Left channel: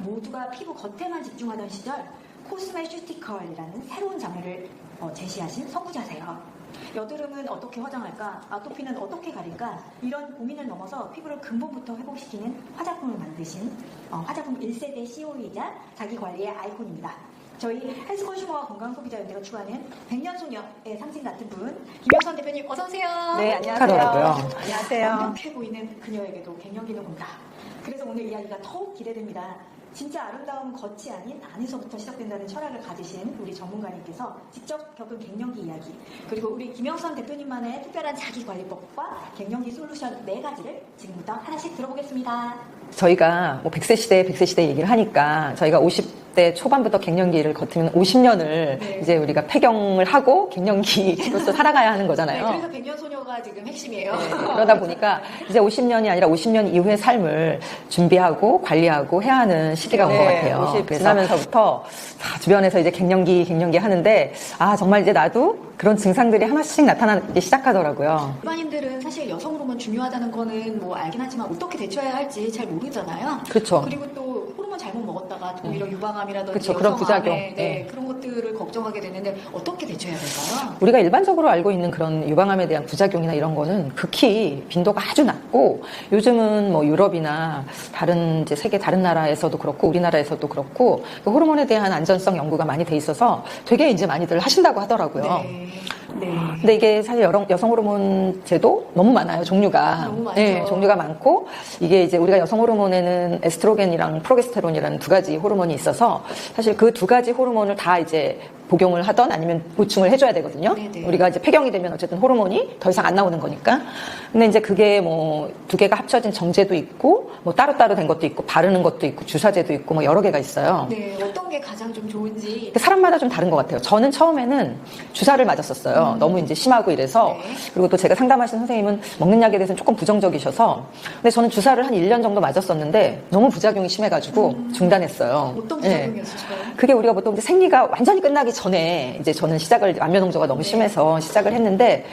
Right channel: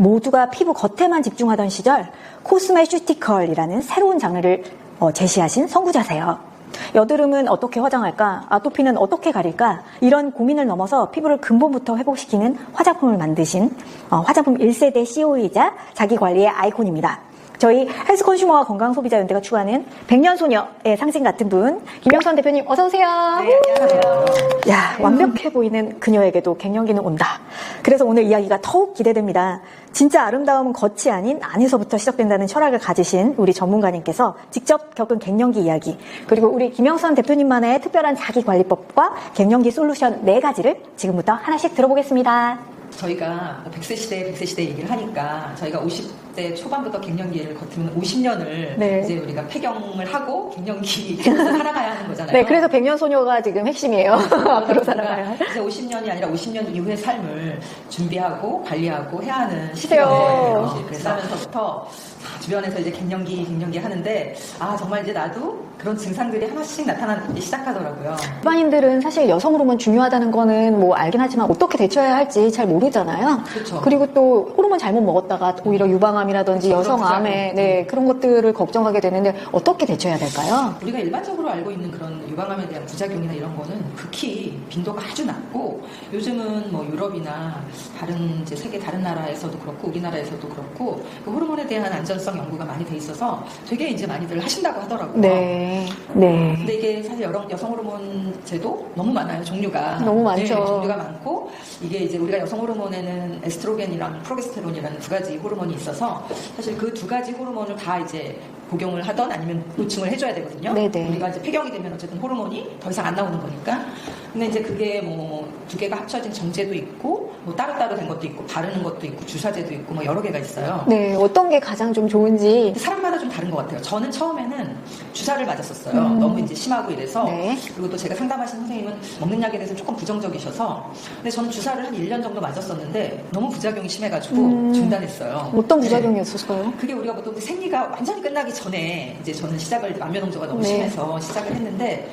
모두가 피부 겉에만 집중하던 시절 코스메슈티컬이라는 새로운 장르를 제시하신 선구자세요. 여드름은 어떻게 화장할까? 아토피는 어떻게 가릴까? 이런 고민을 넘어서 피부를 근본부터 회복시키는 화장품을 만드신 화장품 1세대 CEO이자 자기관리의 아이콘입니다. 저희 헬스컨슈머와 건강소비자연대가 추구하는 백년소녀의 상징 같은 분, 김영선 대표님 어서 오세요. 네, 안녕하세요. 야, 완벽해 보이는 그녀에게도 갱년기는 온다. 그래서 오늘 이야기가 더욱 기대됩니다. 진짜 아름다움은 겉이 아닌 안에서부터 시작된다는 철학을 가지신 우리 전문가님께서 직접 겪은 갱년기 이야기, 그리고 우리 김영선 대표님만의 특별한 자기관리법과 갱년기 솔루션 4가지를 지금부터 하나씩 들어보겠습니다. 저희가 뭐 100세 시대 얘기를 하니까 저희가 50대 초반부터 갱년기를 거치면 50년을 이제 우리가 폐경을 하고 갱년기에서 살아가야 하는 거잖아요. 네, 그래서 백년소녀가 지금 핵심이에요. 그러다 보니까 이제 50년이 아니라 50년 이후의 삶을 준비하고 관리하고 해야 하는 시대가 온 것 같아요. 50 지나면서부터 주변에서 이제 갱년기 하는데 정말 이제 나도 그런 증상들이 하나씩 나타나기 시작하더라고요. 일반인들은 사실 여성 호르몬 중요하다는 거는 뭐 알긴 하지만 어떻게 대처해야 할지 잘 모르잖아요. 그렇죠. 그리고 또 호르몬 잘못 먹었다가 오히려 유방암이라든지 그렇죠. 여러 여성암에 그런 것들을 걱정하게 되는데 어떻게 대처해야 될까요? 우리가 일반적으로 알고 있는 그런 유방암에 대한 부작용이나 이런 거는 극히 빈도가 아주 낮고, 요즘은 뭐 유럽이나 다른 이제 세계 다른 나라에서도 그렇고 우리나라에서도 그렇고 그 호르몬에 대한 안전성 연구가 많이 돼 있어서 되게 이제 많이들 하신다고 하더라고요. 네. 근데 이게 사실 여성 호르몬제도 너무 많아요. 종류가 너무 많죠. 네, 종류가 많고, 이게 이제 우리가 여성 호르몬에는 에스트로겐이랑 프로게스테론이라는 2가지 호르몬이 있어서 사실 그 2가지 호르몬을 다 이제 복용을 하던 아니면 보충을 해줘야 되거든요. 네네. 우리가 이제 폐경이 되면 어쨌든 호르몬이 더 이상 안 나오는 거니까. 근데 이제 그게 뭐 2개가 합쳐진 정제도 있고, 뭐 따로따로 된 것도 있고, 바르는 것도 있고, 주사제도 있고, 뭐 여러 개가 있어요. 네, 어떤 게 가장 좀 좋은지. 근데 사람마다 좀 다른 것 같아요. 저는 처음에는 주사를 맞았었어요. 너무 이제 심하고 이래서. 네. 그리고 또 제가 상담하신 선생님은 먹는 약에 대해서 조금 부정적이셔서. 근데 저는 주사를 한 1년 정도 맞았었는데 너무 부작용이 심해가지고 중단했어요. 어떤 부작용이었을까요? 네. 그게 우리가 보통 이제 생리가 완전히 끝나기 전에 이제 저는 시작을, 만면홍조가 너무 심해서 시작을 했는데,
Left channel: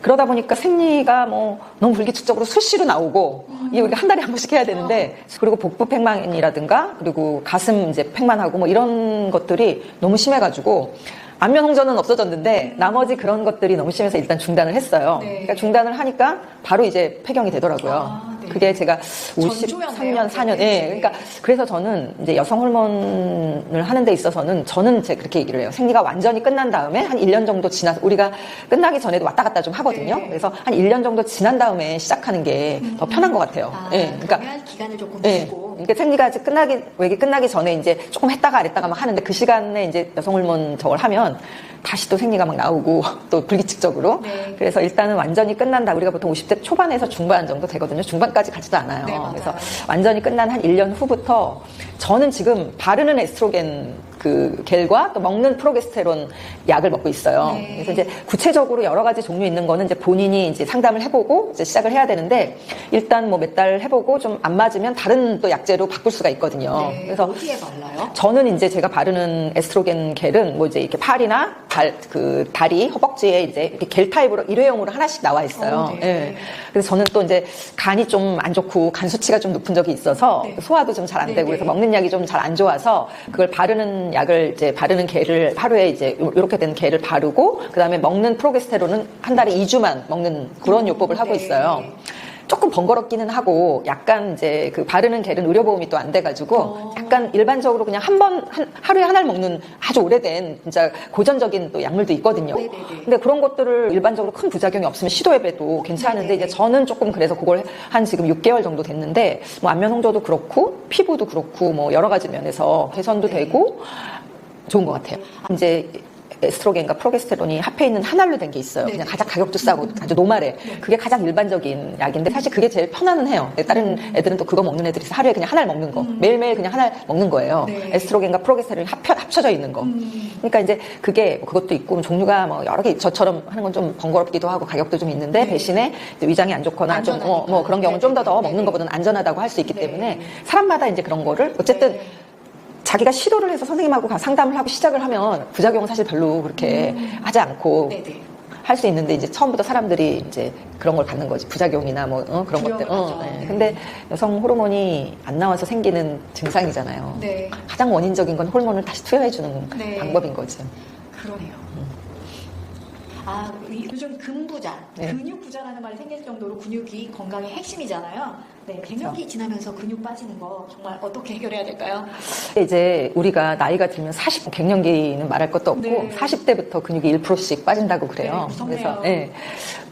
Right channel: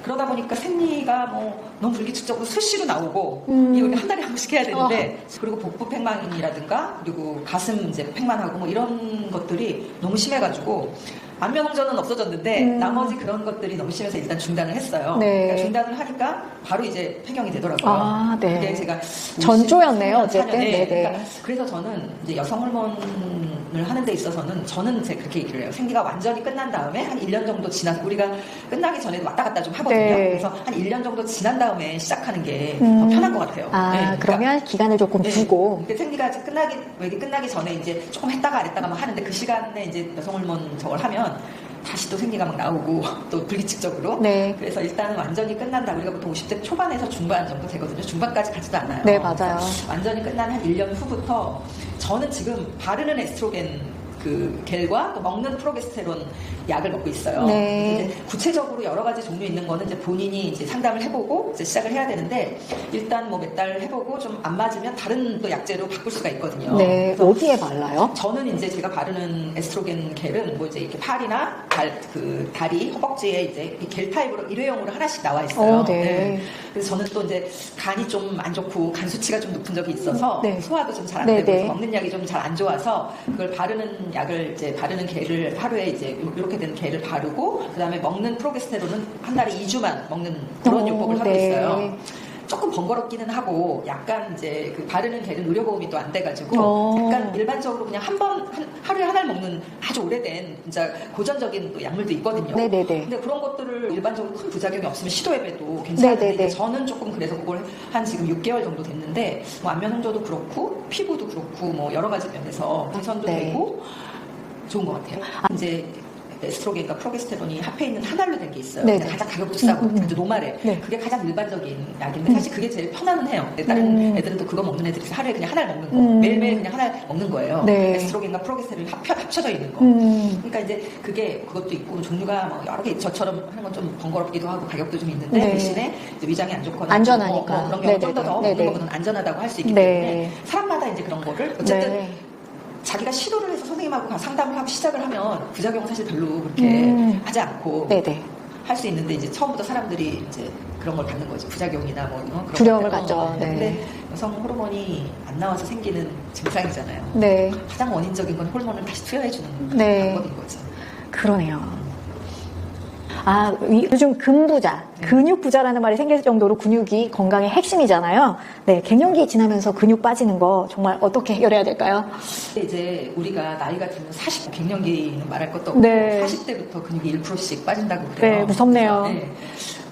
그러다 보니까 생리가 뭐 너무 불규칙적으로 수시로 나오고, 이게 우리가 한 달에 한 번씩 해야 되는데, 그리고 복부 팽만이라든가 그리고 가슴 이제 팽만하고 뭐 이런 것들이 너무 심해가지고 안면홍조는 없어졌는데 나머지 그런 것들이 너무 심해서 일단 중단을 했어요. 네. 그러니까 중단을 하니까 바로 이제 폐경이 되더라고요. 네. 그게 제가 전조였네요. 4년. 네. 그러니까 그래서 저는 이제 여성 호르몬을 하는 데 있어서는 저는 제가 그렇게 얘기를 해요. 생리가 완전히 끝난 다음에 한 1년 정도 지나서, 우리가 끝나기 전에도 왔다 갔다 좀 하거든요. 네. 그래서 한 1년 정도 지난 다음에 시작하는 게 더 편한 것 같아요. 그러면 그러니까 기간을 조금 두고. 이게 생리가 끝나기 전에 이제 조금 했다가 안 했다가 막 하는데, 그 시간에 이제 여성 호르몬 저걸 하면 다시 또 생리가 막 나오고 또 불규칙적으로. 네. 그래서 일단은 완전히 끝난다. 우리가 보통 50대 초반에서 중반 정도 되거든요. 중반까지 가지도 않아요. 네, 맞아요. 그래서 완전히 끝난 한 1년 후부터 저는 지금 바르는 에스트로겐 그 겔과 또 먹는 프로게스테론 약을 먹고 있어요. 네. 그래서 이제 구체적으로 여러 가지 종류 있는 거는 이제 본인이 이제 상담을 해보고 이제 시작을 해야 되는데, 일단 뭐 몇 달 해보고 좀 안 맞으면 다른 또 약제로 바꿀 수가 있거든요. 네. 그래서 어디에 발라요? 저는 이제 제가 바르는 에스트로겐 겔은 뭐 이제 이렇게 팔이나 다리, 허벅지에 이제 이렇게 겔 타입으로 일회용으로 하나씩 나와 있어요. 네. 그래서 저는 또 이제 간이 좀 안 좋고 간 수치가 좀 높은 적이 있어서 소화도 좀 잘 안 되고 그래서 먹는 약이 좀 잘 안 좋아서 그걸 바르는 약을 이제 바르는 겔을 하루에 이제 이렇게 된 겔을 바르고, 그다음에 먹는 프로게스테론은 한 달에 2주만 먹는 그런 요법을 하고 있어요. 조금 번거롭기는 하고, 약간 이제 그 바르는 겔은 의료보험이 또 안 돼가지고 약간 일반적으로 그냥 하루에 하나를 먹는 아주 오래된 진짜 고전적인 또 약물도 있거든요. 근데 그런 것들을 일반적으로 큰 부작용이 없으면 시도해봐도 괜찮은데, 이제 저는 조금 그래서 그걸 한 지금 6개월 정도 됐는데, 뭐 안면홍조도 그렇고 피부도 그렇고 뭐 여러 가지 면에서 개선도 되고 좋은 것 같아요. 이제 에스트로겐과 프로게스테론이 합해 있는 한 알로 된 게 있어요. 그냥 가장 가격도 싸고 아주 노말해. 그게 가장 일반적인 약인데 사실 그게 제일 편안은 해요. 다른 애들은 또 그거 먹는 애들이 하루에 그냥 한 알 먹는 거. 매일매일 그냥 한 알 먹는 거예요. 에스트로겐과 프로게스테론이 합쳐져 있는 거. 그러니까 이제 그것도 있고 종류가 뭐 여러 개, 저처럼 하는 건 좀 번거롭기도 하고 가격도 좀 있는데 대신에 이제 위장이 안 좋거나 안전하니까. 뭐 그런 경우 좀 더 먹는 것보다는 안전하다고 할 수 있기 때문에 사람마다 이제 그런 거를 어쨌든 자기가 시도를 해서 선생님하고 상담을 하고 시작을 하면 부작용은 사실 별로 그렇게 하지 않고 할 수 있는데 이제 처음부터 사람들이 이제 그런 걸 갖는 거지. 부작용이나 뭐 그런 두려움을 것들. 갖죠. 네. 근데 여성 호르몬이 안 나와서 생기는 증상이잖아요. 네. 가장 원인적인 건 호르몬을 다시 투여해주는 네. 방법인 거지. 그러네요. 아, 요즘 근부자, 근육부자라는 말이 생길 정도로 근육이 건강의 핵심이잖아요. 네, 갱년기 지나면서 근육 빠지는 거 정말 어떻게 해결해야 될까요? 이제 우리가 나이가 들면 40, 갱년기는 말할 것도 없고 네. 40대부터 근육이 1%씩 빠진다고 그래요. 네, 무섭네요. 그래서, 네.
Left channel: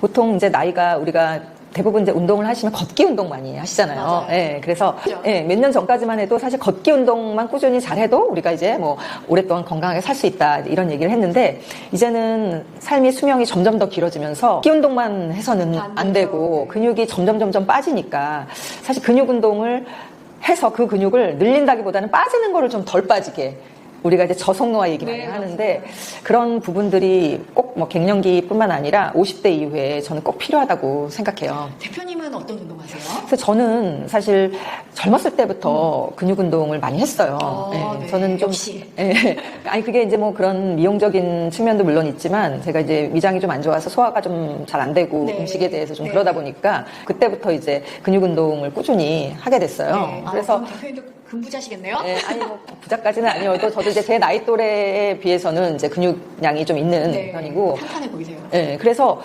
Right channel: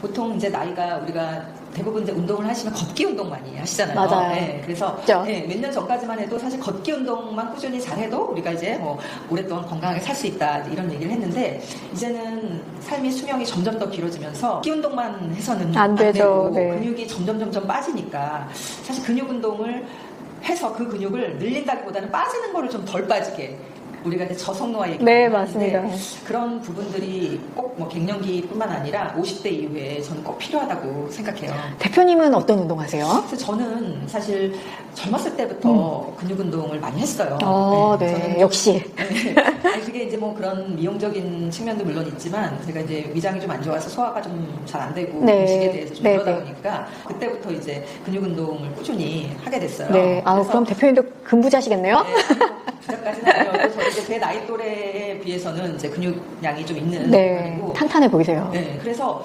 보통 이제 나이가 우리가 대부분 이제 운동을 하시면 걷기 운동 많이 하시잖아요. 맞아요. 네, 그래서 그렇죠. 몇 년 전까지만 해도 사실 걷기 운동만 꾸준히 잘해도 우리가 이제 뭐 오랫동안 건강하게 살 수 있다 이런 얘기를 했는데 이제는 삶의 수명이 점점 더 길어지면서 걷기 운동만 해서는 안 되고 네. 근육이 점점 빠지니까 사실 근육 운동을 해서 그 근육을 늘린다기보다는 빠지는 거를 좀 덜 빠지게 우리가 이제 저속노화 얘기 많이 네, 하는데 맞습니다. 그런 부분들이 꼭 뭐 갱년기뿐만 아니라 50대 이후에 저는 꼭 필요하다고 생각해요. 대표님은 어떤 운동 하세요? 그래서 저는 사실 젊었을 때부터 근육 운동을 많이 했어요. 네. 저는 좀- 역시. 네. 아니 그게 이제 뭐 그런 미용적인 측면도 물론 있지만 제가 이제 위장이 좀 안 좋아서 소화가 좀 잘 안 되고 네. 음식에 대해서 좀 네. 그러다 보니까 그때부터 이제 근육 운동을 꾸준히 하게 됐어요. 네. 아, 그럼 대표님도 근부자시겠네요? 네, 아니 뭐 부자까지는 아니어도 저도 이제 제 나이 또래에 비해서는 이제 근육량이 좀 있는 편이고 탄탄해 보이세요. 네, 그래서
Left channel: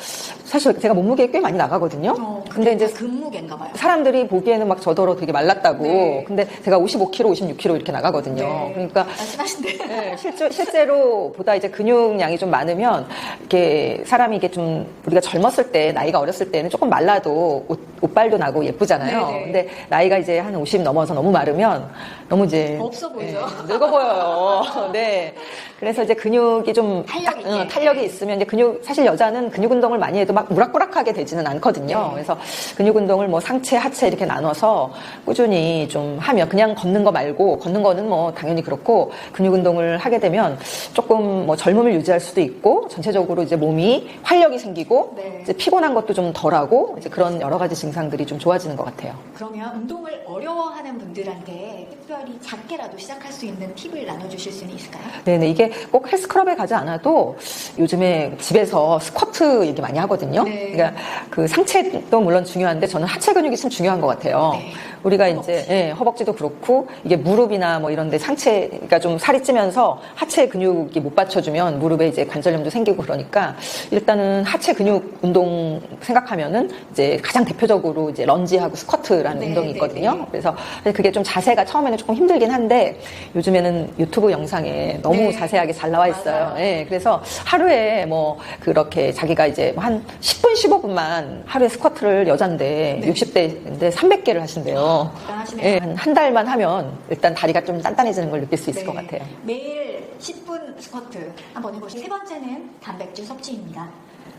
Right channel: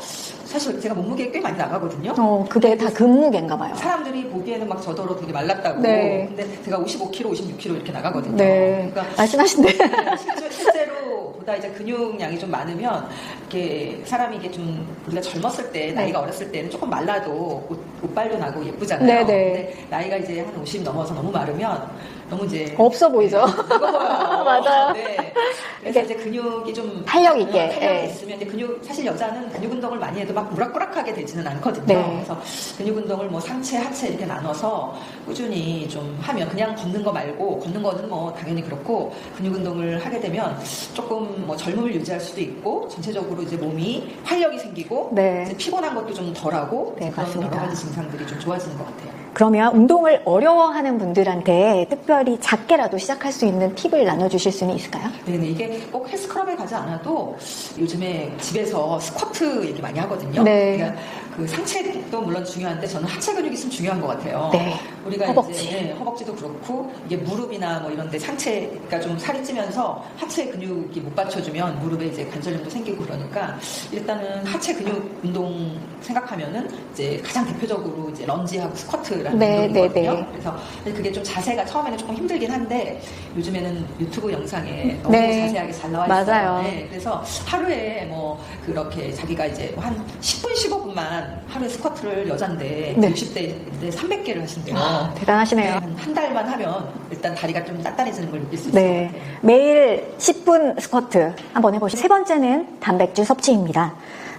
사실 제가 몸무게 꽤 많이 나가거든요. 그게 근데 다 근무게인가 봐요. 사람들이 보기에는 막 저더러 되게 말랐다고. 네. 근데 제가 55kg, 56kg 이렇게 나가거든요. 네. 그러니까 날씬하신데. 네, 실제로 보다 이제 근육량이 좀 많으면 이렇게 사람이 이게 좀 우리가 젊었을 때 나이가 어렸을 때는 조금 말라도 옷발도 나고 예쁘잖아요. 네, 네. 근데 나이가 이제 한 50 넘어서 너무 마르면 너무 이제 없어 보이죠? 늙어 보여요. 맞아요. 네. 그래서 이제 근육이 좀 탄력 있게. 탄력이 네. 있으면 이제 사실 여자는 근육 운동을 많이 해도 막 우락부락하게 되지는 않거든요. 네. 그래서 근육 운동을 뭐 상체, 하체 이렇게 나눠서 꾸준히 좀 하면 그냥 걷는 거 말고 걷는 거는 뭐 당연히 그렇고 근육 운동을 하게 되면 조금 뭐 젊음을 유지할 수도 있고 전체적으로 이제 몸이 활력이 생기고 네. 이제 피곤한 것도 좀 덜하고 이제 네, 그런 맞습니다. 여러 가지 증상들이 좀 좋아지는 것 같아요. 그러면 운동을 어려워하는 분들한테 특별히 작게라도 시작할 수 있는 팁을 나눠주실 수는 있을까요? 네네, 이게 꼭 헬스클럽에 가지 않아도 요즘에 집에서 스쿼트 얘기 많이 하거든요. 네. 그러니까 그 상체도 물론 중요한데 저는 하체 근육이 참 중요한 것 같아요. 네. 우리가 허벅지. 이제 허벅지도 그렇고 이게 무릎이나 뭐 이런데 상체가 좀 살이 찌면서 하체 근육이 못 받쳐주면 무릎에 이제 관절염도 생기고 그러니까 일단은 하체 근육 운동 생각하면은 이제 가장 대표적으로 이제 런지하고 스쿼트라는 네, 운동이거든요. 네, 네. 그래서 그게 좀 자세가 처음에는 조금 힘들긴 한데 요즘에는 유튜브 영상에 너무 네. 자세하게 잘 나와 있어요. 맞아요. 네, 그래서 하루에 뭐 그렇게 자기가 이제 한 10분, 15분만 하루에 스쿼트를 여잔데 네. 60대인데 300개를 하신대요. 대단하시네요. 한 달만 하면 일단 다리가 좀 단단해지는 걸 느낄 수 있을 것 같아요. 매일 10분 스쿼트 한번 해보시죠. 세 번째는 단백질 섭취입니다.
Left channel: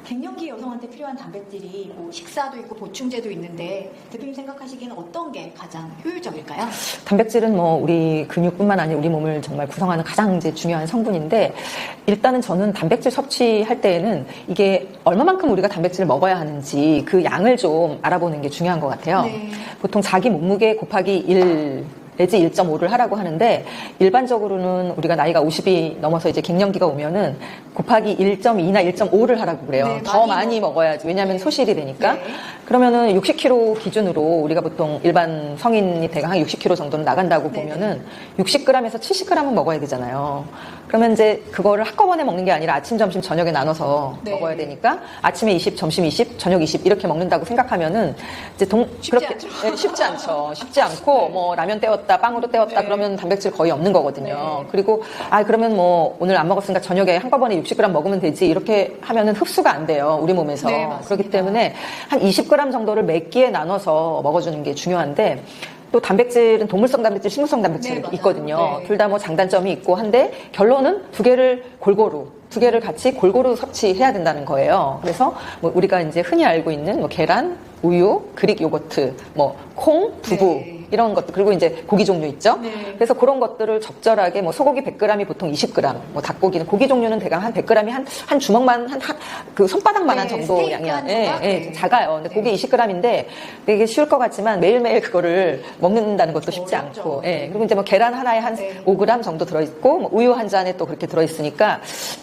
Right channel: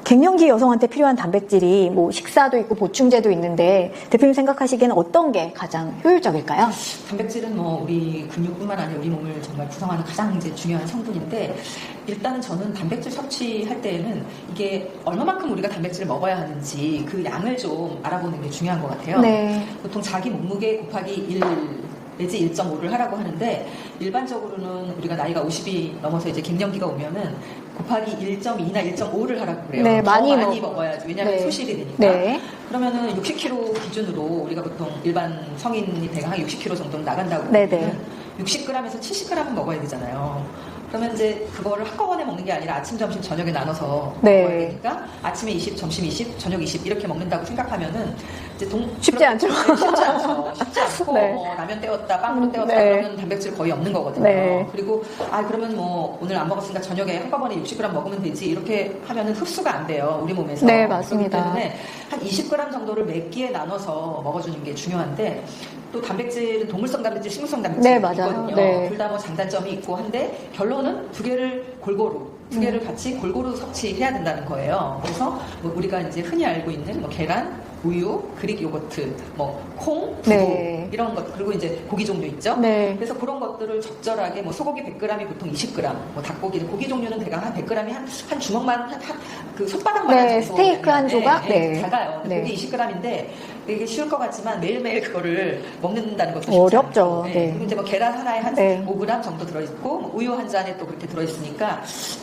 갱년기 여성한테 필요한 단백질이 뭐 식사도 있고 보충제도 있는데 대표님 생각하시기에는 어떤 게 가장 효율적일까요? 단백질은 뭐 우리 근육뿐만 아니라 우리 몸을 정말 구성하는 가장 이제 중요한 성분인데 일단은 저는 단백질 섭취할 때에는 이게 얼마만큼 우리가 단백질을 먹어야 하는지 그 양을 좀 알아보는 게 중요한 것 같아요. 네. 보통 자기 몸무게 곱하기 1 내지 1.5를 하라고 하는데 일반적으로는 우리가 나이가 50이 넘어서 이제 갱년기가 오면은 곱하기 1.2나 1.5를 하라고 그래요. 네, 더 많이 먹어야지. 왜냐하면 네. 소실이 되니까. 네. 그러면은 60kg 기준으로 우리가 보통 일반 성인이 대강 한 60kg 정도는 나간다고 네, 보면은 60g에서 70g은 먹어야 되잖아요. 그러면 이제 그거를 한꺼번에 먹는 게 아니라 아침, 점심, 저녁에 나눠서 네. 먹어야 되니까 아침에 20, 점심 20, 저녁 20 이렇게 먹는다고 생각하면은 이제 쉽지 않죠. 네, 쉽지 않죠. 쉽지 않고 네. 뭐 라면 때웠다, 빵으로 때웠다 네. 그러면 단백질 거의 없는 거거든요. 네. 그리고 그러면 뭐 오늘 안 먹었으니까 저녁에 한꺼번에 60g 먹으면 되지 이렇게 하면은 흡수가 안 돼요. 우리 몸에서. 네, 그렇기 맞습니다. 때문에 한 20g 정도를 몇 끼에 나눠서 먹어주는 게 중요한데 또 단백질은 동물성 단백질, 식물성 단백질 네, 맞아요. 있거든요. 네. 둘 다 뭐 장단점이 있고 한데 결론은 두 개를 같이 골고루 섭취해야 된다는 거예요. 그래서 뭐 우리가 이제 흔히 알고 있는 뭐 계란, 우유, 그릭 요거트, 뭐 콩, 두부 네. 이런 것 그리고 이제 고기 종류 있죠. 네. 그래서 그런 것들을 적절하게 뭐 소고기 100g이 보통 20g, 뭐 닭고기는 고기 종류는 대강 한 100g이 한 주먹만 그 손바닥만한 네, 정도 스테이크 한 조각? 네. 작아요. 근데 네. 고기 20g인데 되게 쉬울 것 같지만 매일매일 그거를 먹는다는 것도 쉽지 어렵죠. 않고. 네. 그리고 이제 뭐 계란 하나에 한 네. 5g 정도 들어있고 뭐 우유 한 잔에 또 그렇게 들어있으니까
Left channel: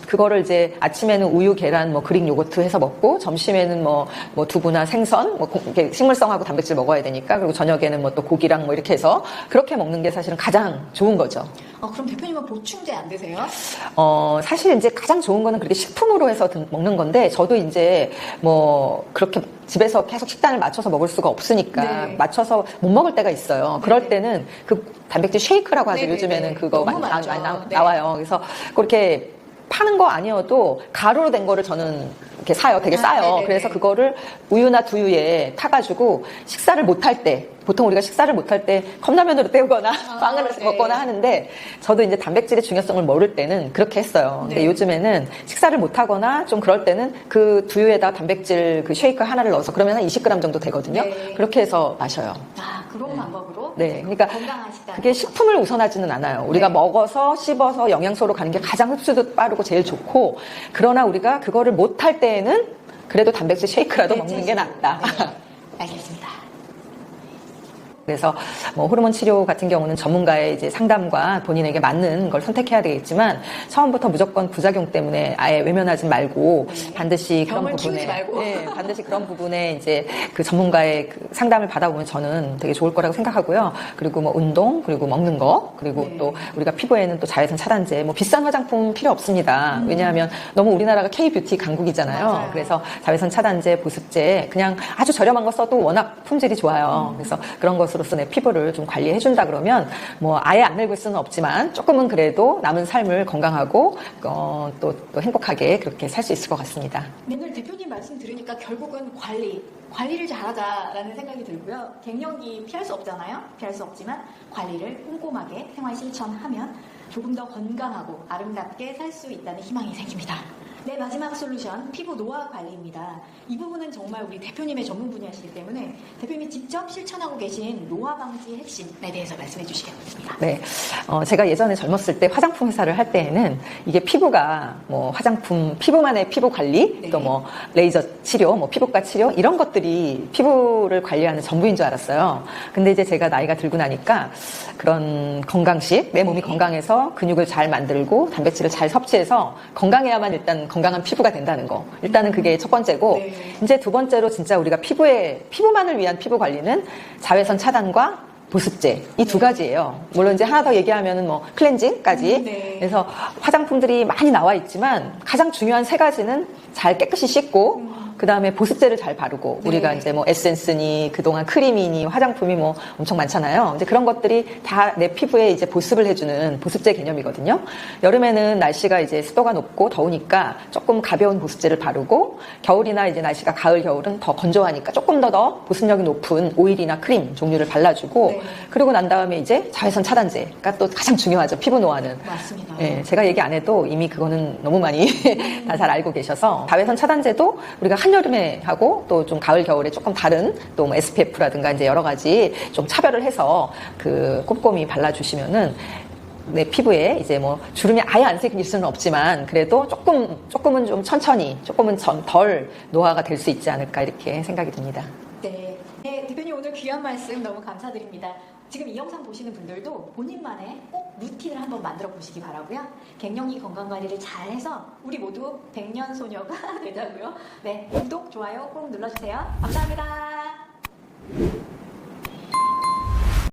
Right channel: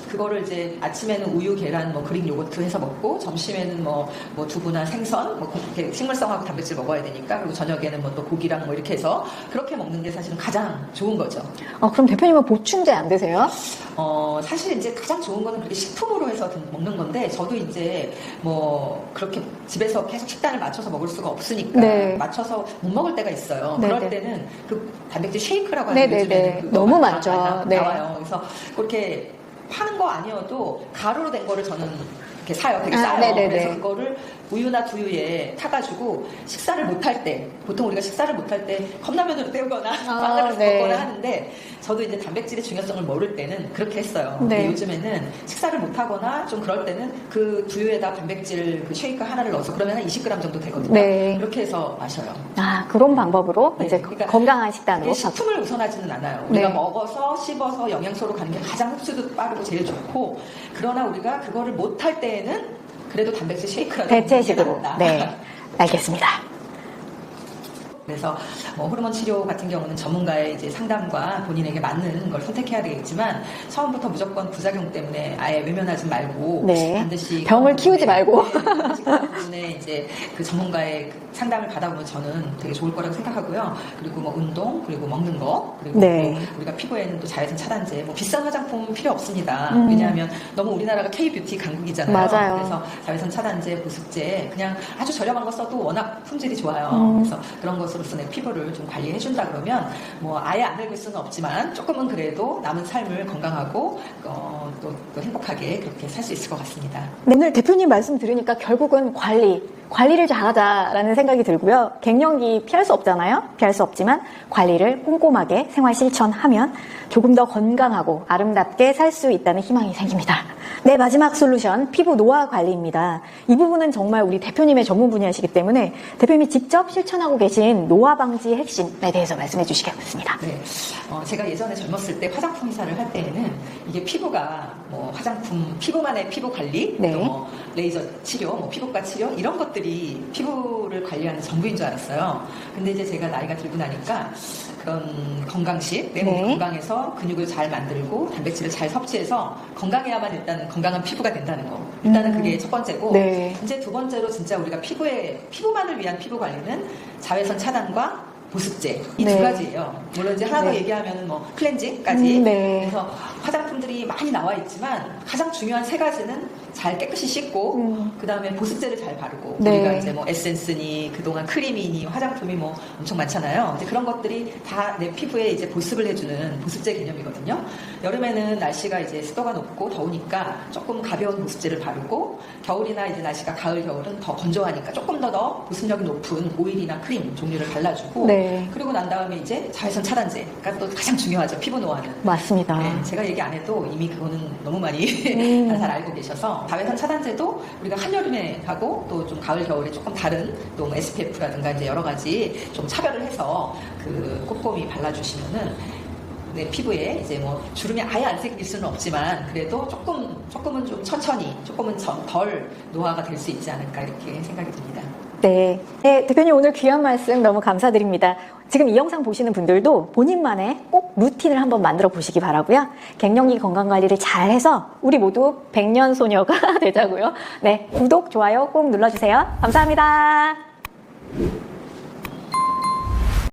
그거를 이제 아침에는 우유, 계란, 뭐 그릭 요거트 해서 먹고 점심에는 뭐 두부나 생선, 뭐 이렇게 식물성하고 단백질 먹어야 되니까 그리고 저녁에는 뭐 또 고기랑 뭐 이렇게 해서 그렇게 먹는 게 사실은 가장 좋은 거죠. 그럼 대표님은 보충제 안 드세요? 사실 이제 가장 좋은 거는 그렇게 식품으로 해서 먹는 건데 저도 이제 뭐 그렇게 집에서 계속 식단을 맞춰서 먹을 수가 없으니까 네. 맞춰서 못 먹을 때가 있어요. 네네. 그럴 때는 그 단백질 쉐이크라고 하죠. 네네네. 요즘에는 그거 너무 많이 많죠. 네. 나와요. 그래서 그렇게 파는 거 아니어도 가루로 된 거를 저는 이렇게 사요. 되게 싸요. 네네네. 그래서 그거를 우유나 두유에 타가지고 식사를 못 할 때, 보통 우리가 식사를 못 할 때 컵라면으로 때우거나 빵을 네. 먹거나 하는데 저도 이제 단백질의 중요성을 모를 때는 그렇게 했어요. 근데 네. 요즘에는 식사를 못 하거나 좀 그럴 때는 그 두유에다 단백질 그 쉐이크 하나를 넣어서 그러면 한 20g 정도 되거든요. 네. 그렇게 해서 마셔요. 그런 방법으로 네, 이제 그러니까 건강한 식단으로. 이게 식품을 우선하지는 않아요. 우리가 네. 먹어서 씹어서 영양소로 가는 게 가장 흡수도 빠르고 제일 좋고 그러나 우리가 그거를 못 할 때에는 그래도 단백질 쉐이크라도 먹는 게 대체식으로. 낫다. 네, 알겠습니다. 그래서 뭐 호르몬 치료 같은 경우는 전문가의 이제 상담과 본인에게 맞는 걸 선택해야 되겠지만 처음부터 무조건 부작용 때문에 아예 외면하지 말고 네. 반드시 병을 그런 키우지 말고. 네, 반드시 그런 부분에 이제 그 전문가의 그 상담을 받아보면 저는 되게 좋을 거라고 생각하고요. 그리고 뭐 운동, 그리고 먹는 거, 그리고 네. 또 우리가 피부에는 또 자외선 차단제, 뭐 비싼 화장품 필요 없습니다. 왜냐하면 너무 우리나라가 K-뷰티 강국이잖아요. 맞아요. 그래서 자외선 차단제, 보습제 그냥 아주 저렴한 거 써도 워낙 품질이 좋아요. 그래서 그런 것으로서 내 피부를 좀 관리해준다 그러면 뭐 아예 안 늙을 수는 없지만 조금은 그래도 남은 삶을 건강하고 또 행복하게 그렇게 살 수 있을 것 같습니다. 네, 오늘 대표님 말씀 들으니까 결국은 관리를 잘하자라는 생각이 들고요. 갱년기 피할 수 없잖아요. 피할 수 없지만 관리를 꼼꼼하게 생활 실천하면 조금 더 건강하고 아름답게 살 수 있다는 희망이 생깁니다. 네, 마지막 솔루션 피부 노화 관리입니다. 이 부분은 정말 우리 대표님의 전문 분야이시기 때문에 대표님이 직접 실천하고 계신 노화 방지 핵심에 대해서 말씀해 주시겠습니다. 네, 제가 예전에 젊었을 때 화장품 회사를 할 때에는 이게 피부가 뭐 화장품, 피부만의 피부 관리, 네. 또 뭐 레이저 치료, 뭐 피부과 치료 이런 것들이 피부를 관리하는 전부인 줄 알았어요. 근데 이제 제가 나이가 들고 나니까 그런 건강식, 내 몸이 네. 건강해서 근육을 잘 만들고 단백질을 잘 섭취해서 건강해야만 일단 건강한 피부가 된다는 거. 일단은 그게 첫 번째고 네. 이제 두 번째로 진짜 우리가 피부만을 위한 피부 관리는 자외선 차단과 보습제 이 두 네. 가지예요. 물론 이제 하나 더 얘기하면은 뭐 클렌징까지. 네. 그래서 화장품들이 많이 나와 있지만 가장 중요한 세 가지는 잘 깨끗이 씻고 그 다음에 보습제를 잘 바르고 네. 우리가 이제 뭐 에센스니 그동안 크림이니 화장품이 뭐 엄청 많잖아요. 근데 그런 것들이 다 내 피부에 이제 보습을 해주는 보습제 개념이거든요. 여름에는 날씨가 이제 습도가 높고 더우니까 조금 가벼운 보습제를 바르고 겨울이나 이제 날씨가 가을 겨울은 더 건조하니까 조금 더 보습력이 높은 오일이나 크림 종류를 발라주고 네. 그리고 난 다음에 이제 자외선 차단제가 또 가장 중요하죠. 피부 노화는. 맞습니다. 네, 제가 얘기 안 해도 이미 그거는 너무 많이 다 잘 알고 계셔서 자외선 차단제도 우리가 한여름에 하고 또 좀 가을 겨울에 조금 다른 또 뭐 SPF라든가 이제 여러 가지 좀 차별을 해서 그 꼼꼼히 발라주시면은 내 피부에 이제 뭐 주름이 아예 안 생길 수는 없지만 그래도 조금은 좀 천천히 조금은 좀 덜 노화가 될 수 있지 않을까 이렇게 생각이 듭니다. 네. 네, 대표님 오늘 귀한 말씀 너무 감사드립니다. 지금 이 영상 보시는 분들도 본인만의 꼭 루틴을 한번 만들어 보시기 바라고요. 갱년기 건강관리를 잘해서 우리 모두 백년 소녀가 되자고요. 네, 구독, 좋아요 꼭 눌러주세요. 감사합니다.